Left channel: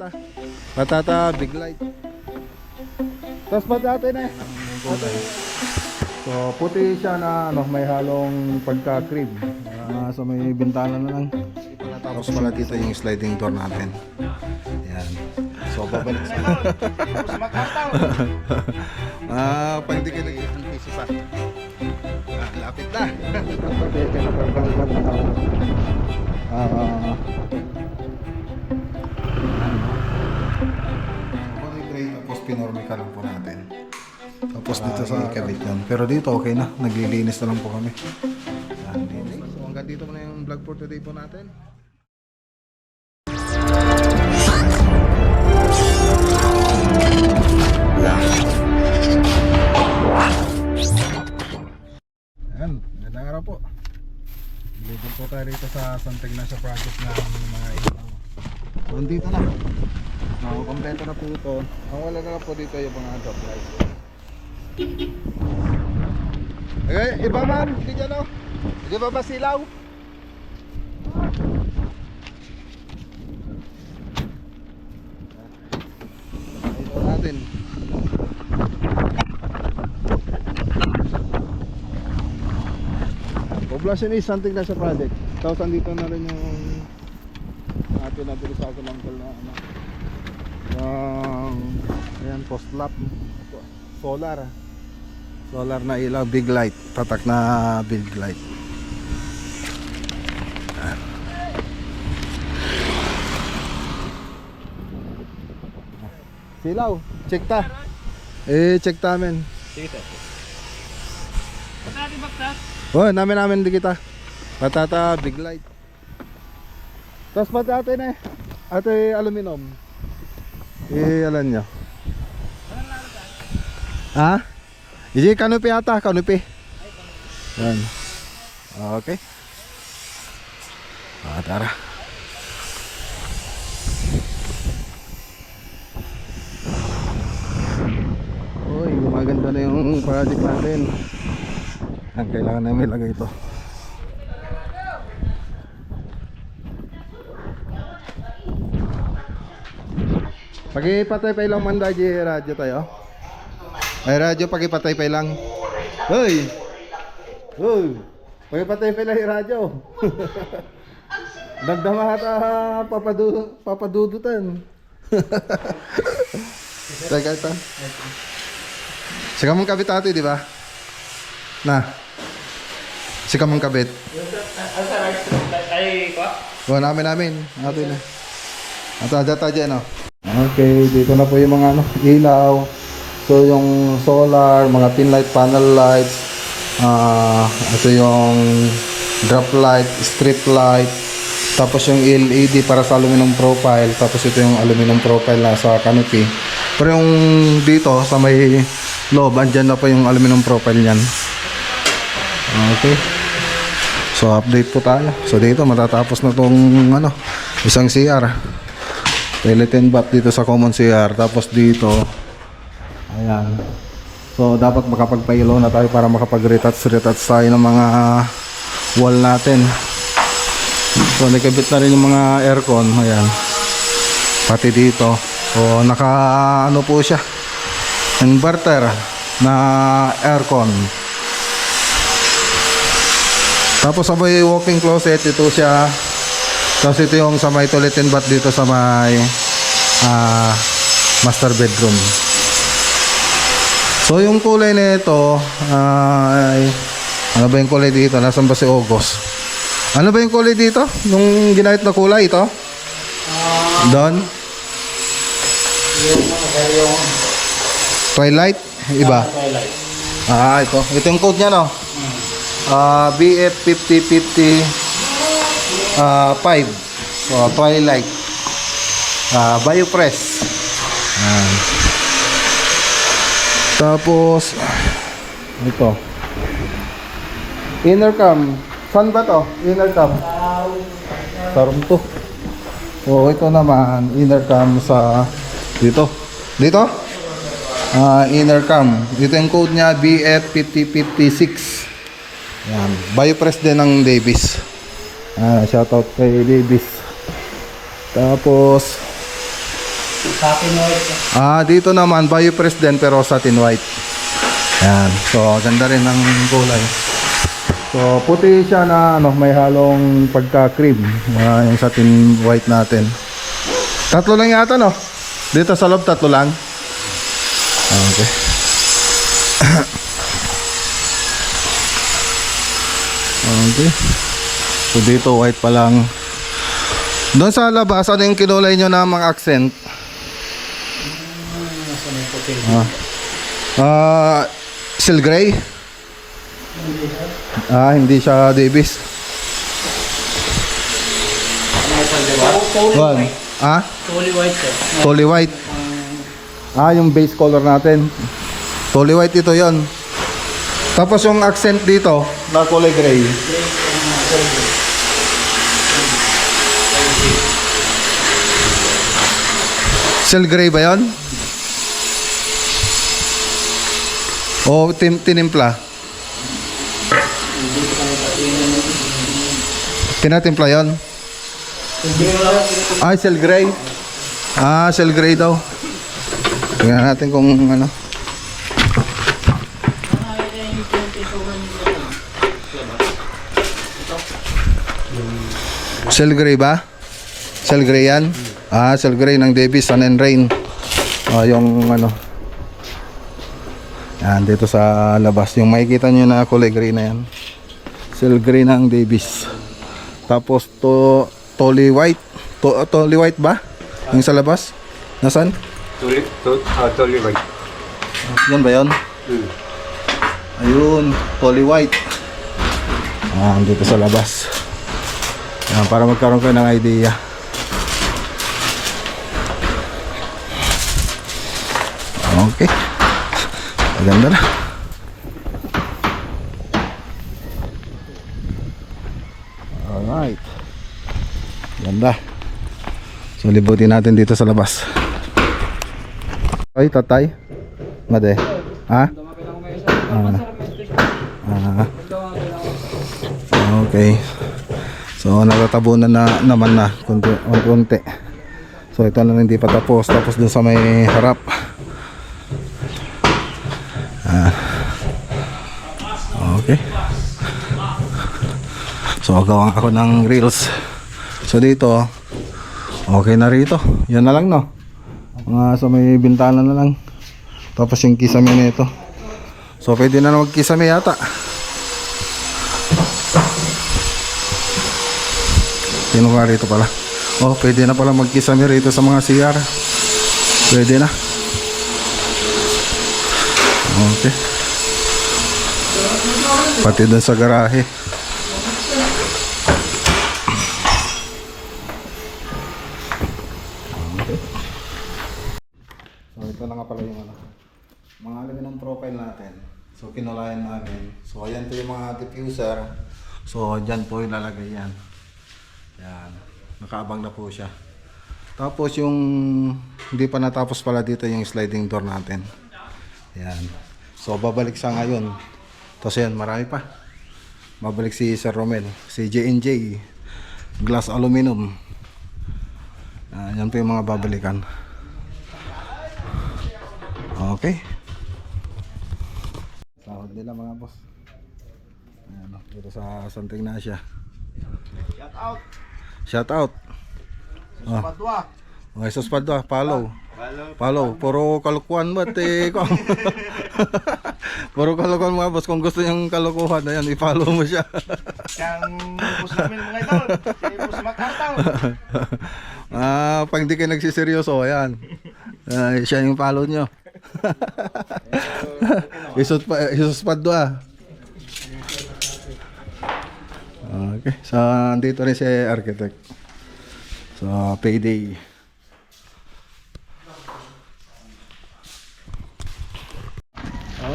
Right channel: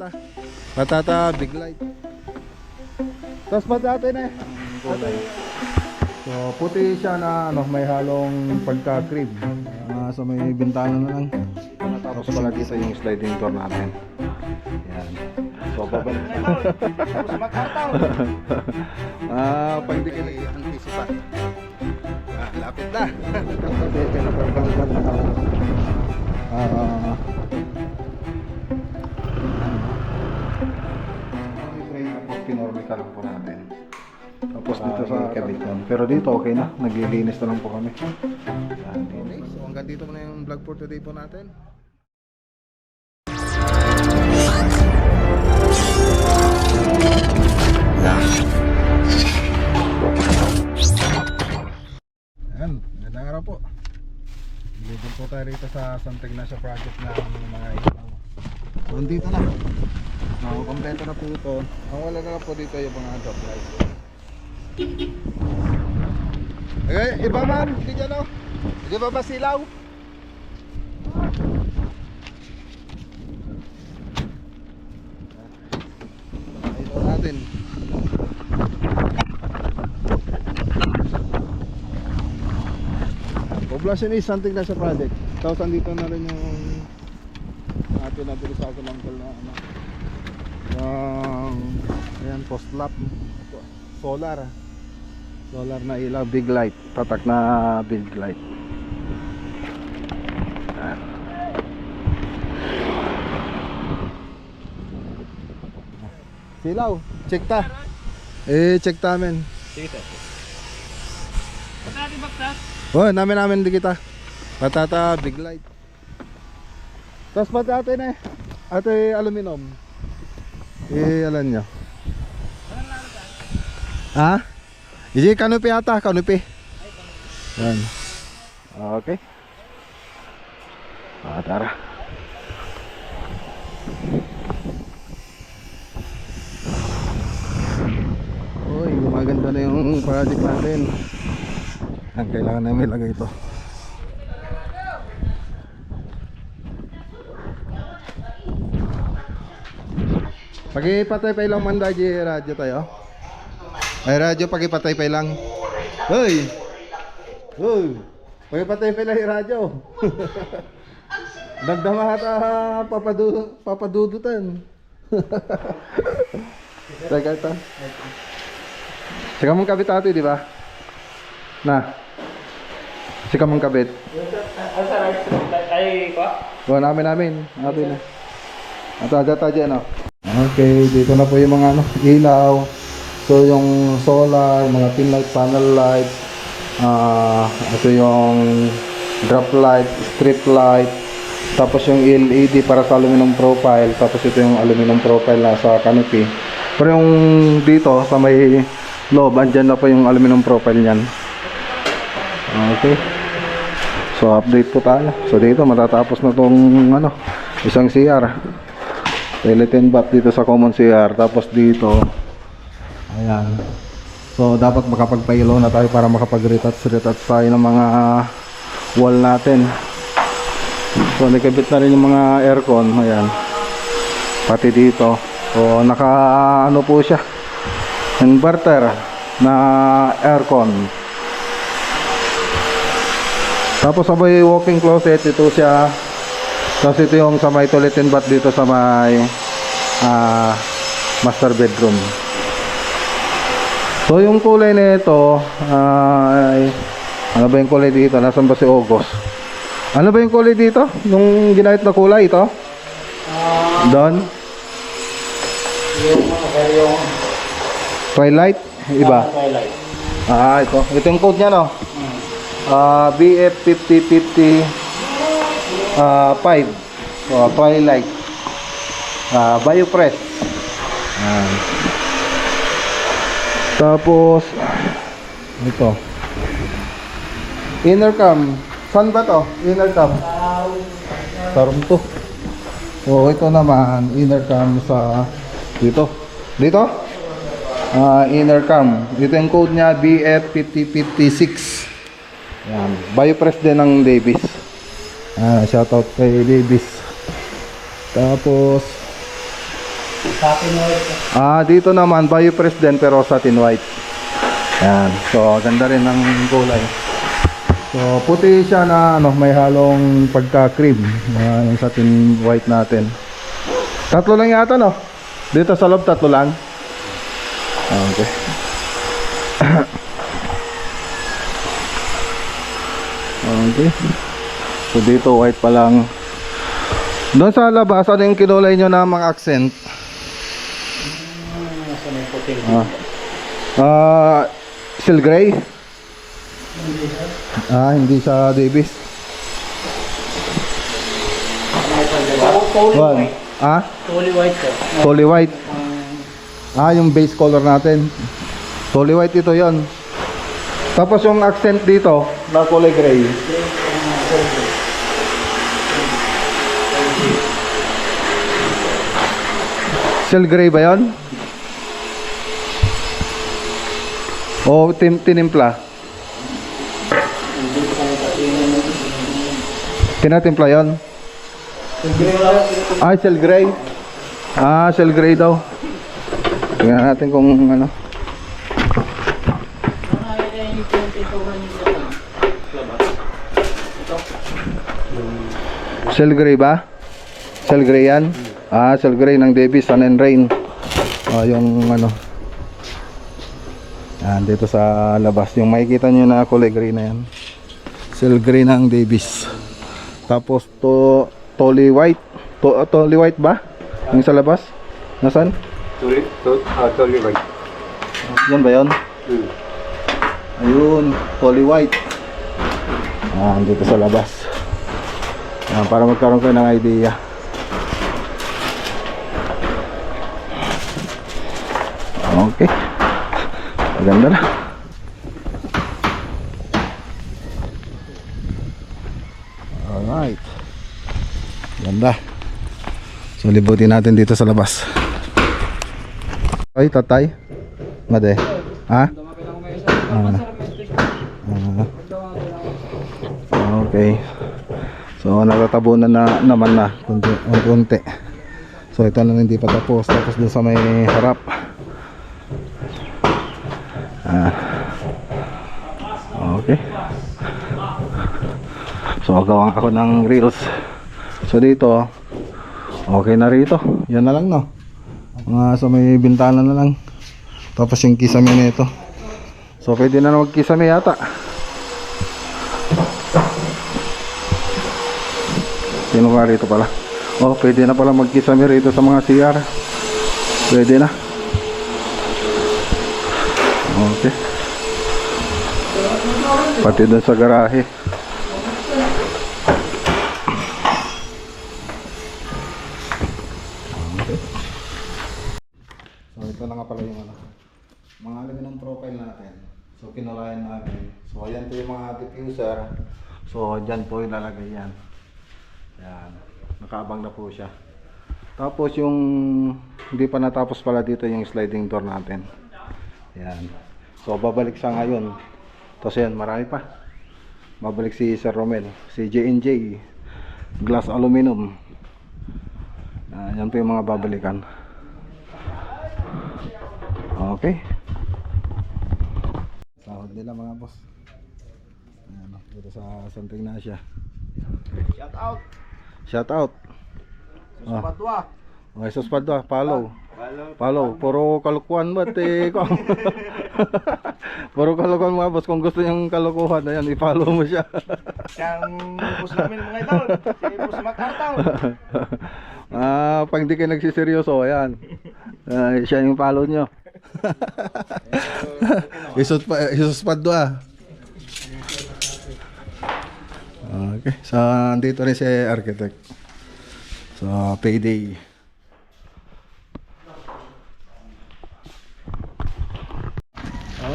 patata. Patata, big light. Tapos patata na eh. So, puti siya na ano, may halong pagka-crib. So may bintana na lang. Tapos pala dito yung sliding door natin. Ayan. So, babalik sa pagtigil ang piso pa. Lapit na. Tapos pinormica lang po natin. Tapos dito sa kabit yan. Pero dito okay na. Naglilinis na lang po kami. Okay. So hanggang dito muna yung vlog for today po natin. Ayan, gandang araw po. Dito po tayo rito sa Santa Ignacia project na mga ilaw. So dito na. Kompleto na po ito. Ang wala na po dito yung mga drop light. Okay, iba man, hindi dyan o. Hindi ba ba silaw? Ito natin. Poblasyon is something na sa project. Tapos andito na rin yung atin na dito sa Uncle na ano. Ayan, post lap. Solar na ilaw, big light. Tatak na big light. Silaw, check ta. Check ta men. Sige sir. Oh, namin di kita. Patata, big light. Tapos patata na eh. Ate aluminum. Alam nyo. Ha? Iji kanupi ata, kanupi. Yan. Okay. Tara. Uy, maganda na yung project natin. Ang kailangan namin ilagay ito. Pagipatay pa ilang manda di radyo tayo. Ay radyo pagipatay pa ilang. Hoy. Hoy. Pagipatay pa ilang radyo. Dagdama ata papadudutan. Teka ito. Sika mong kabit ate, di ba? Na. Sika mong kabit. Ay, ko? O, namin. Natin na. At no? Okay, dito na po yung mga ano, ilaw. So yung solar, mga pin light, panel lights. Ito yung drop light, strip light. Tapos yung LED para sa aluminum profile. Tapos ito yung aluminum profile na sa canopy. Pero yung dito sa may loob, andyan na po yung aluminum profile niyan. Okay. So update po tayo. So dito matatapos na tong ano, isang CR. Skeleton bath dito sa common CR. Tapos dito, ayan. So dapat makapagpailaw na tayo para makapag-retouch tayo ng mga wall natin. So nakabit na rin yung mga aircon. Ayan. Pati dito. So naka ano po siya, inverter na aircon. Tapos sabay walking closet, ito siya. Tapos ito yung sa may toilet and bath dito sa may master bedroom. So yung kulay na ito ay ano ba yung kulay dito? Nasaan ba si August? Ano ba yung kulay dito? Yung ginamit na kulay ito? Doon? Yung Twilight? Iba? twilight. Ito. Ito yung code niya, no? BF 5050 5. So, Twilight. Biopress. Tapos ito. Inner cam. Saan ba to? Inner cam. Sa room 2. So, ito naman inner cam sa dito. Dito? Inner cam. Dito yung code niya BF 5056. Yan. Biopress din ng Davis. Shoutout kay Davis. Tapos Satin white. Dito naman, Biopress din pero satin white. Yan. So, ganda rin ng kulay. So, puti siya na ano, may halong pagka-cream. Yung satin white natin. Tatlo lang yata, no? Dito sa loob, tatlo lang. Okay. Okay. So, dito white pa lang. Doon sa labas, ano yung kinulay nyo na mga accent? Nasa may puti. Seal gray? Hindi siya Davis. One. Fully white sir. Totally white. Yung base color natin. Totally white ito yon. Tapos yung accent dito, na kulay gray. Seal gray ba yon? O tinimpla? Tinatimpla yon? Seal gray. Seal gray daw. Tingnan natin kung ano. Seal gray ba? Seal gray yan? Seal gray ng Davis Sun and Rain. Yung ano. Yan, dito sa labas. Yung makikita nyo na kulay gray na yan. Seal gray ng Davis. Tapos Tolly white. Tolly white ba? Yung sa labas? Nasaan? Totally white. Yan ba yun? Ayun, Tolly white. Dito sa labas. Para magkaroon kayo ng idea. Okay. Maganda na. Alright. Ganda. So libutin natin dito sa labas. Ay, tatay. Made. Okay. So natatabunan na naman na konti. So ito na hindi pa tapos. Tapos dun sa may harap. Okay. So gawa ako ng reels. So dito okay na rito. Yan na lang, no. Sa may bintana na lang. Tapos yung kisame nito. So pwede na magkisame yata. Sino ka rito pala? Pwede na pala magkisame rito sa mga CR. Pwede na. Okay. Pati dun sa garahe. Okay. So ito na nga pala yung ano, mga alamin ng profile natin. So kinulayan namin. So ayan po yung mga diffuser. So dyan po ilalagay yan. Yan. Nakaabang na po siya. Tapos yung hindi pa natapos pala dito yung sliding door natin. Yan. So babalik siya ngayon. Tapos yan, marami pa. Babalik si Sir Romel, si J&J Glass Aluminum. Yan po yung mga babalikan. Okay. Sahod nila mga boss. Ayan, dito sa Santa Ignacia. Shout out. Shout out. Padua. Jesus Padua, follow. Puro kalukuhan ba Puro kalukuhan mga boss. Kung gusto niyang kalukuhan, ayan, i-follow mo siya. Siyang boss namin mga idol. Si Boss Macartaw. Pag hindi kayo nagsiseryoso, ayan. Siya yung follow nyo. Jesus Padua. Okay. So, andito rin si architect. So, payday.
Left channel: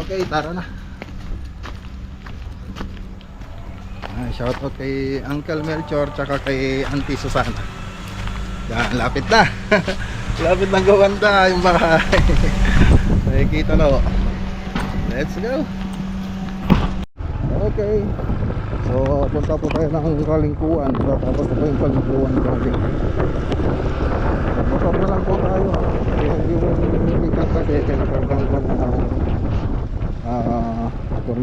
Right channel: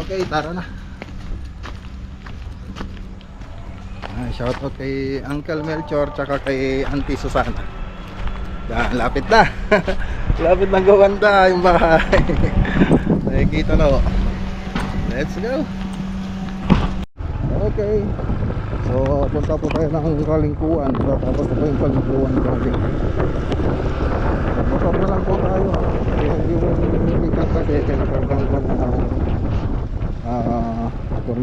Okay, tara na. Shout out kay Uncle Melchor tsaka kay Auntie Susana. Yan, lapit na. Lapit na gawanda yung bahay. Nakikita na. Let's go. Okay. So, punta po tayo ng Kalingkuan. Tapos na po yung Kalingkuan. Motor na lang po tayo.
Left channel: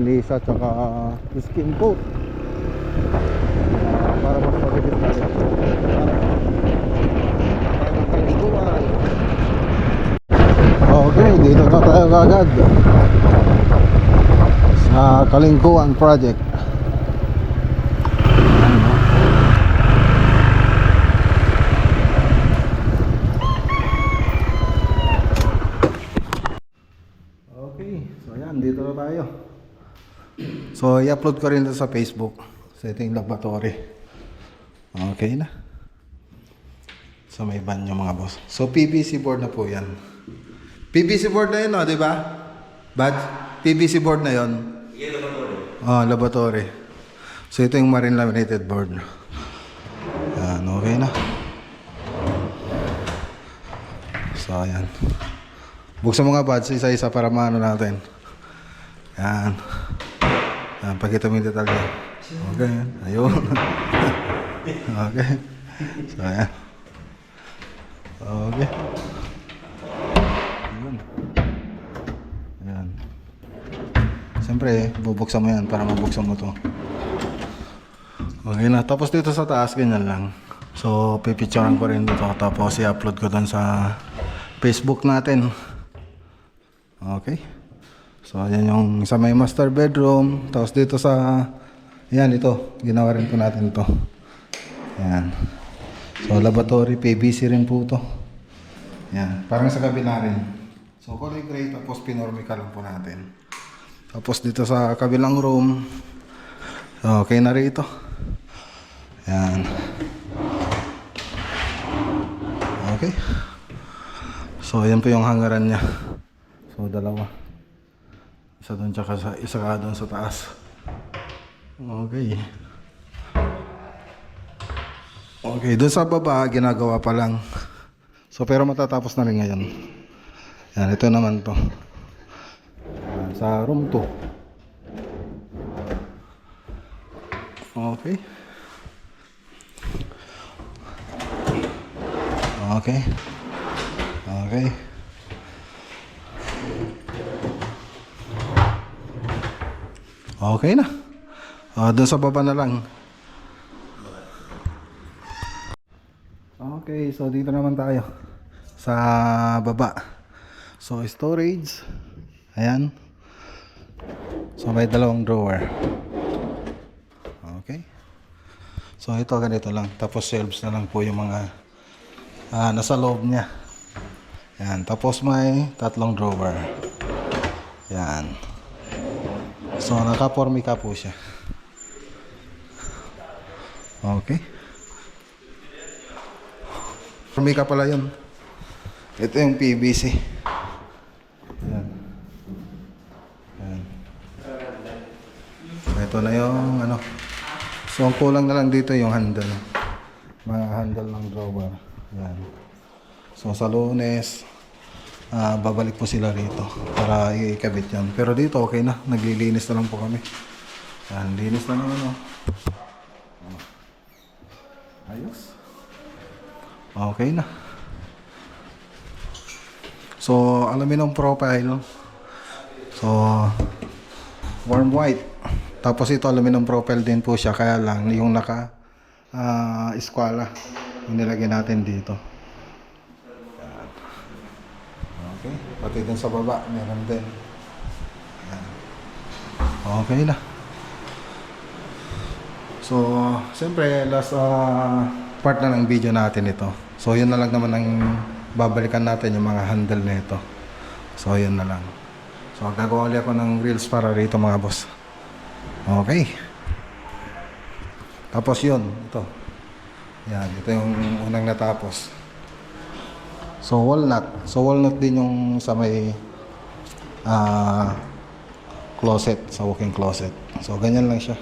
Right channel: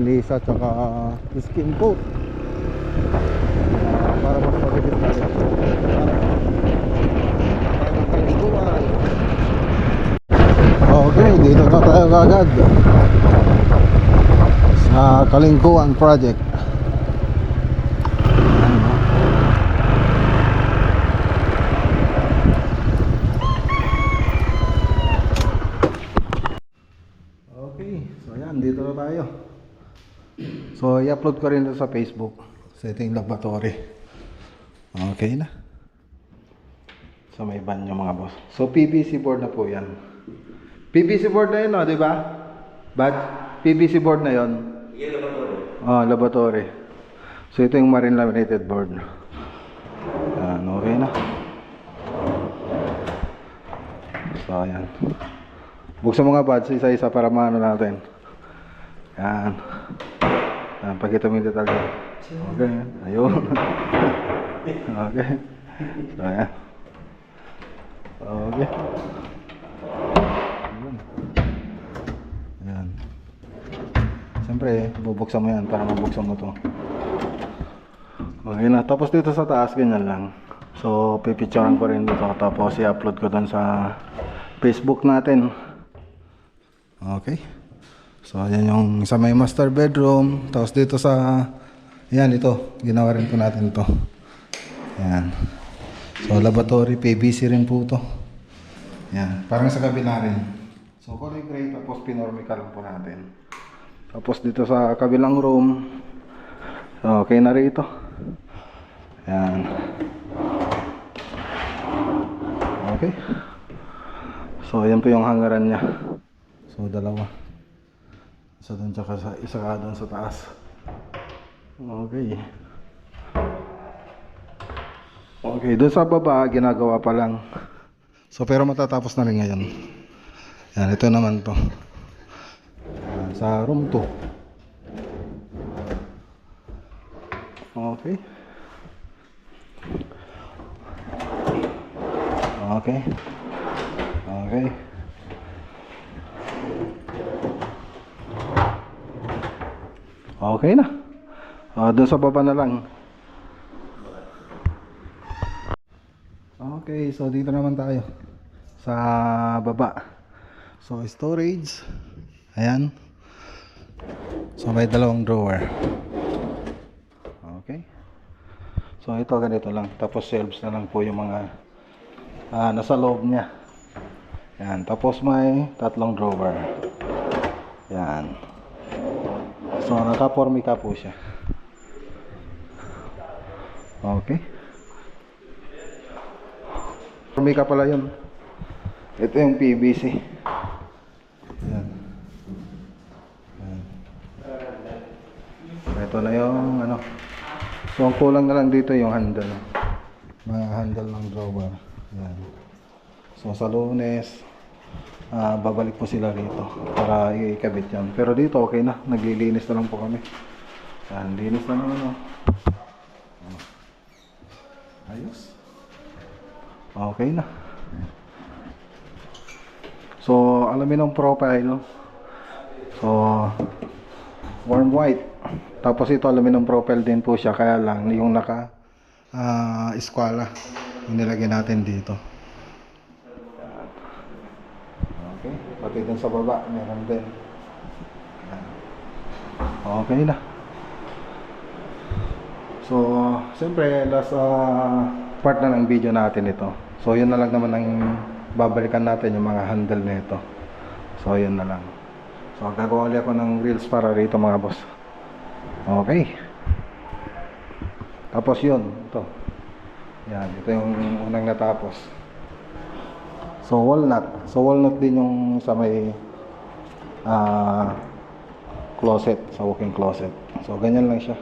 lisa tsaka skin coat. Para mas mabilis na rin. Okay, dito na tayo agad sa Kalingkuan Project. Okay, so ayan, dito na tayo. So i-upload ko rin ito sa Facebook. So ito yung laboratory. Okay na. So may banyo mga boss. So PVC board na po yan. PVC board na yun, no, di ba? Bad? PVC board na yun. Yeah, laboratory. Oh, laboratory. So ito yung marine laminated board. Yan, okay na. So ayan. Buksan mo nga buds, isa-isa para maano natin. Yan. Yan, pakita mo yung detalye. Okay, ayun. Okay. So ayan. Okay. Ayun. Ayan. Siyempre, bubuksan mo yan para mabuksan mo to. Okay na. Tapos dito sa taas, ganyan lang. So, pipicturean ko rin dito. Tapos, i-upload ko dun sa Facebook natin. Okay. So, ayan yung sa may master bedroom. Tapos dito sa... Ayan, ito. Ginawa rin po natin ito. Ayan. So, laboratory, PVC rin po ito. Ayan. Parang sa kabila rin. So, kulay gray. Tapos, pinormica lang po natin. Tapos, dito sa kabilang room. So, okay na rin ito. Ayan. Okay. So, ayan po yung hangaran niya. So, dalawa. Isa doon tsaka isa ka doon sa taas. Okay. Okay, doon sa baba, ginagawa pa lang. So, pero matatapos na rin ngayon. Yan, ito naman to. Yan, sa room 2. Okay. Okay. Okay. Okay na. Doon sa baba na lang. Okay, so dito naman tayo sa baba. So storage. Ayan. So may dalawang drawer. Okay. So ito ganito lang. Tapos shelves na lang po yung mga nasa loob niya. Ayan. Tapos may tatlong drawer. Ayan. So naka-formica po siya. Okay. Formica pala yun. Ito yung PVC. Ayan. Ayan. Ito na yung ano. So ang kulang na lang dito yung handle. Mga handle ng drawer. Ayan. So sa Lunes babalik po sila rito para ikabit yan. Pero dito okay na. Naglilinis na lang po kami. Ayan. Linis na naman oh. Ayos. Okay na. So, aluminum profile. So, warm white. Tapos ito aluminum profile din po siya. Kaya lang, yung naka eskwala yung nilagay natin dito. Okay. Pati dun sa baba, meron din. Okay na. So, siyempre, last part na ng video natin ito. So, yun na lang naman ang babalikan natin yung mga handle na ito. So, yun na lang. So, gagawa ulit ako ng reels para rito mga boss. Okay. Tapos yun, ito. Yan, ito yung unang natapos. So, walnut. So, walnut din yung sa may closet, sa walk-in closet. So, ganyan lang siya.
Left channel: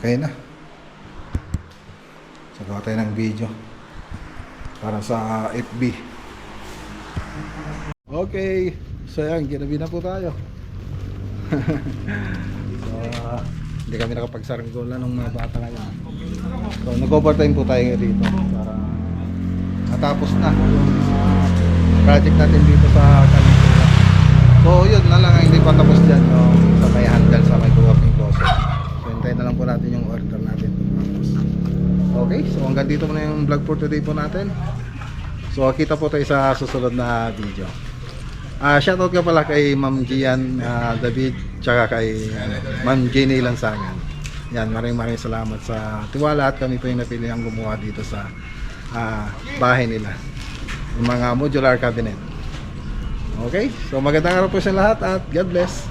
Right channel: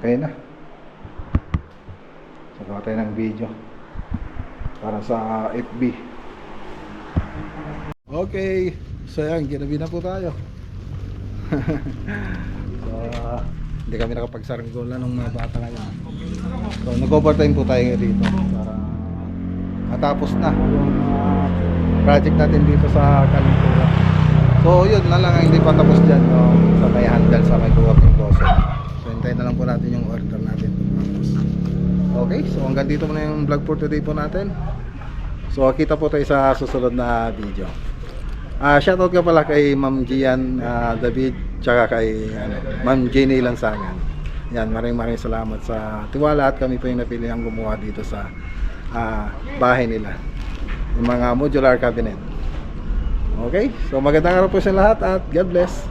Okay na. So, gawa tayo ng video para sa FB. Okay. So, yan. Ginabi na po tayo. So, hindi kami nakapagsaranggola nung mga bata ngayon. So, nag-overtime po tayo dito para matapos na yung project natin dito sa Kalingkuan. So yun na lang ang hindi pa tapos dyan yung sa may handle sa may walking closet. So hintayin na lang po natin yung order natin. Okay, so hanggang dito muna yung vlog for today po natin. So kita po tayo sa susunod na video. Shoutout ka pala kay Ma'am Gian David tsaka kay Ma'am Jenny Lansangan. Yan, maraming salamat sa tiwala at kami po yung napili ang gumawa dito sa bahay nila. Yung mga modular cabinet. Okay, so magandang araw po sa lahat at God bless.